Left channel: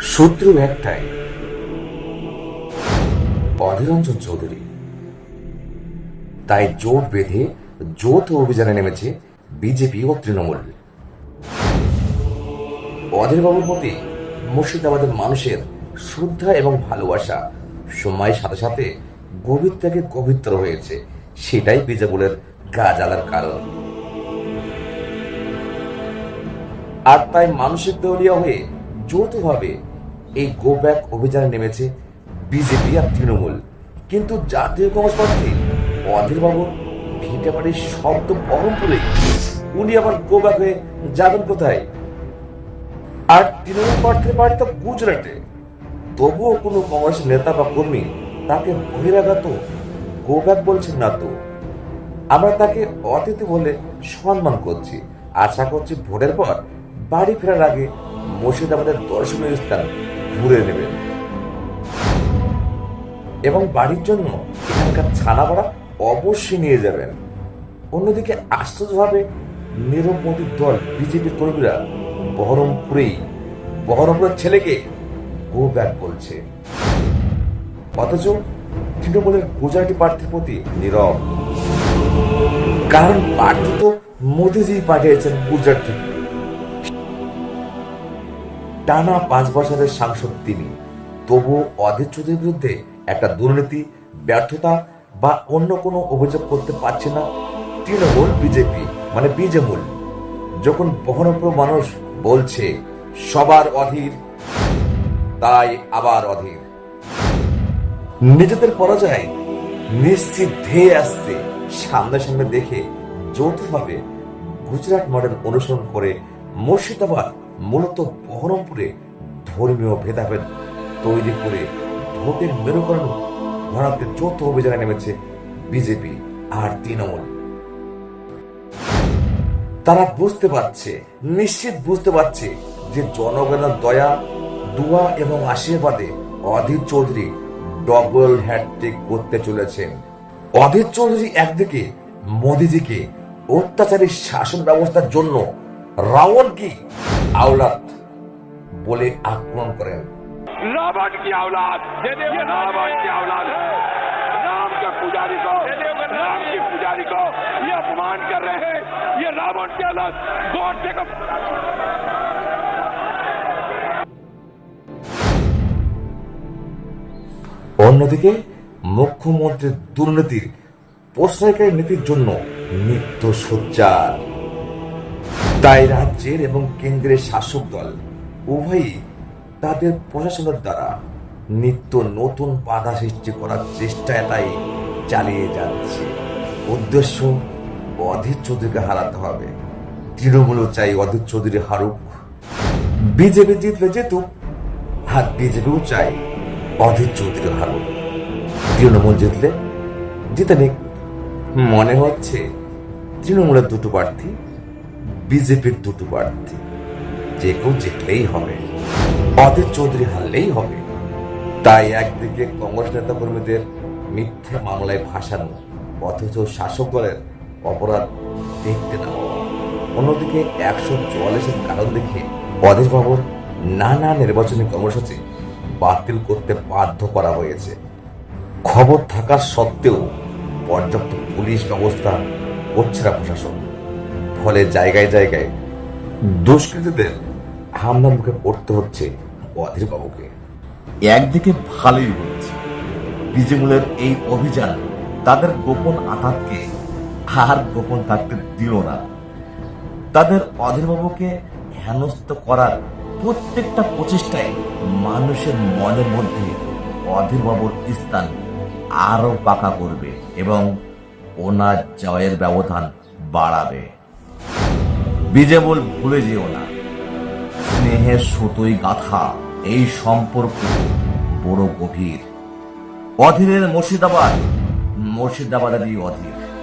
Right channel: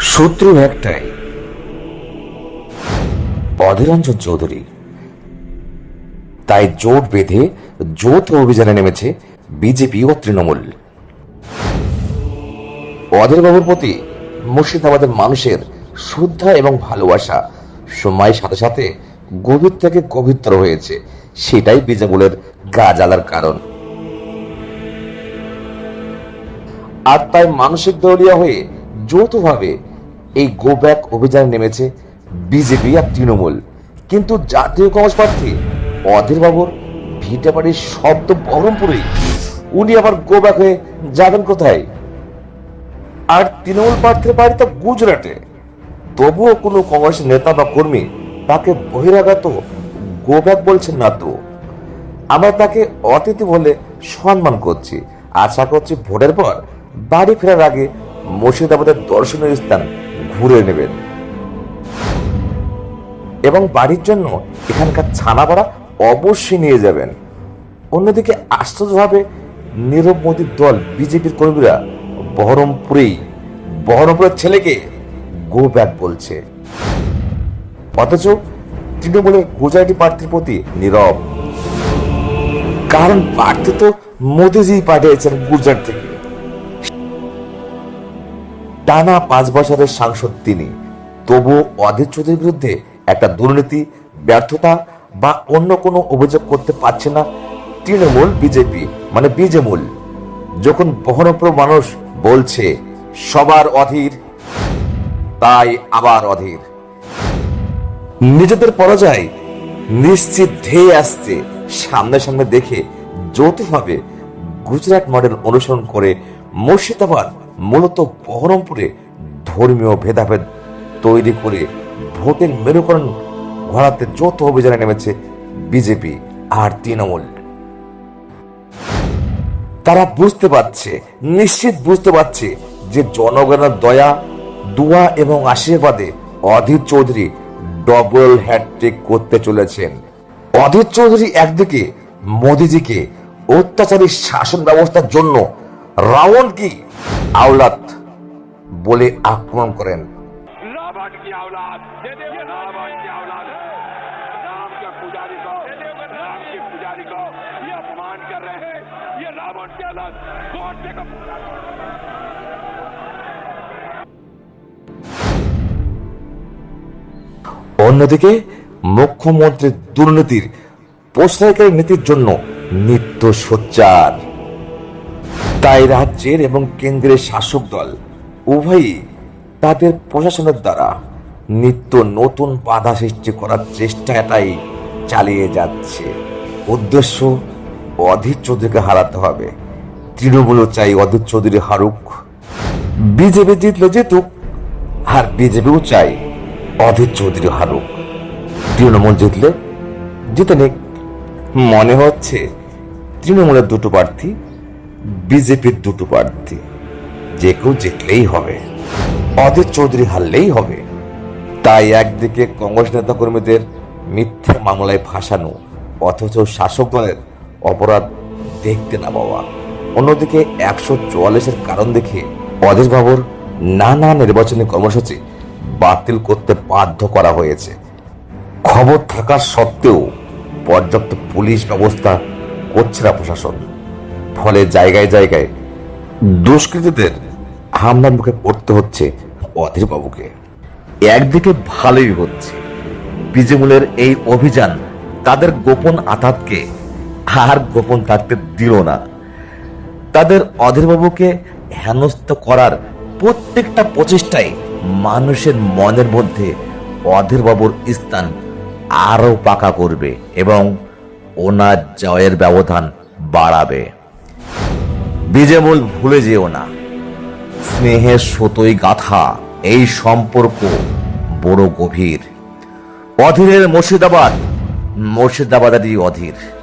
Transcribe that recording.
সূত্র একটাই। অধীরঞ্জন চৌধুরী। তাই জোট বেঁধে যৌথ অভিযানে নেমেছে বিজেপি ও তৃণমূল। অধীরবাবুর প্রতি মুর্শিদাবাদের মানুষের শ্রদ্ধা এবং ভালোবাসা সময়ের সাথে সাথে গভীর থেকে গভীরতর হয়েছে, সেটাই বিজেপুলের গা জ্বালার কারণ। আর তাই মানসিক দলীয় হয়ে যৌথভাবে এই গো ব্যাক অভিযানে নেমেছে বিজেপি আর তৃণমূল। কিন্তু জাতীয় কংগ্রেস প্রার্থী অধীরবাবুর ভিটে বাড়ির শব্দ বহরমপুরে। উনি আবার গো ব্যাক হয়ে যাবেন কোথায়? আর তৃণমূল প্রার্থীর বাড়ি তো গুজরাটে। তবুও কোনো কংগ্রেস নেতা বা কর্মী তাকে বহিরাগত গো ব্যাক বলছেন না তো। আমরা তাকে অতিথি বলে সম্মান করছি। আশা করছি ভোটের পর বাড়ি ফেরার আগে মুর্শিদাবাদের দর্শনীয় স্থান ঘুরে নেবেন। এবং বাড়ির জন্য এখানকার ছানা ছানাপাড়া অবশ্যই নিয়ে যাবেন। অন্যদিকে আশ্চর্যভাবে নীরব মোদীর দল বিজেপির কর্মীরা বহরমপুরেই, বহরমপুরের ছেলেকে গো ব্যাক বলছে। অথচ তৃণমূলের গুজরাটি প্রার্থীর প্রতি নীরব। কারণ প্রার্থী তো মোদিজি পাঠিয়েছেন গুজরাট থেকে। টানা পাঁচ বছরের সাংসদ তিনি। তবু অধীর বিরুদ্ধে একটা দুর্নীতি, ব্যর্থতা বা অন্য কোনো অভিযোগ করতে পারছে না তৃণমূল, বিজেপি মানে বিজেমূল। যখন বহরমপুর মানুষ বলছে, সবার অধীর, তাই আবার অধীর। নিজেদের পরাজয় নিশ্চিত ধেয়ে আসছে সামনে সামনে দেখে যৌথভাবে গুজরাট মডেল অনুসরণ করে মুর্শিদাবাদ মূলত বহরমপুরে ধর্মীয় ভেদাভেদ তৈরি করে ভোটের মেরুকরণ ঘোরাতে যৌথ অভিযানে নেমেছে বিজেপি আর তৃণমূল। তারা বুঝতে পারছে, নিশ্চিত বুঝতে পারছে যে জনগণের দয়া, দোয়া এবং আশীর্বাদে অধীর চৌধুরী ডবল হ্যাট্রিক করতে চলেছেন। অধীর চৌধুরী একদিকে মোদিজিকে অত্যাচারী শাসন ব্যবস্থার জন্য রাবণ কি আওলাদ বলে আক্রমণ করেন। অন্যদিকে মুখ্যমন্ত্রীর দুর্নীতির প্রশ্রয়কারী নীতির জন্য নিত্য সোচ্চার তাই রাজ্যের এবং কেন্দ্রের শাসক দল উভয়ই তাদের প্রশাসনের দ্বারা নিত্য নতুন বাধা সৃষ্টি করার চেষ্টাটাই চালিয়ে যাচ্ছে। উদ্দেশ্য, অধীর চৌধুরীকে হারাতে হবে। তৃণমূলও চাই অধীর চৌধুরী হারুক। বিজেপি জিতলে জিতুক, আর বিজেপিও চাই অধীর চৌধুরী হারুক। তৃণমূল জিতলে জিতে নিক। মনে হচ্ছে তৃণমূলের দুটো প্রার্থী বিজেপির দুটো প্রার্থী। যে কেউ জিতলেই হবে। অধীর চৌধুরী হারলেই হবে। তাই একদিকে কংগ্রেস নেতা কর্মীদের মিথ্যা মামলায় ফাঁসানো অথচ শাসক দলের অপরাধ দেখতে না পাওয়া। অন্যদিকে একশো চুয়াল্লিশের কারণ দেখে অধীর বাবুর নানা নির্বাচনী কর্মসূচি বাতিল করতে বাধ্য করা হয়েছে। খবর থাকা সত্ত্বেও পর্যাপ্ত পুলিশ ব্যবস্থা করছে না প্রশাসন। ফলে জায়গায় জায়গায় দুষ্কৃতীদের হামলার মুখে পড়তে হচ্ছে অধীর বাবুকে একদিকে ভালোই হচ্ছে, বিজেমূলের এই অভিযান তাদের গোপন আঘাতকে আর গোপন থাকতে দিল না। তাদের অধীরবাবুকে হেনস্থ করার প্রত্যেকটা প্রচেষ্টায় মানুষের মনের মধ্যে অধীরবাবুর স্থান আরও পাকা করবে এবং ওনার জয়ের ব্যবধান বাড়াবে। বিজেমূল ভুলে যেও না। স্নেহের সুতোই গাথা, এই সম্পর্ক বড় গভীর। অধীরের মুর্শিদাবাদ, মুর্শিদাবাদেরই অধীর।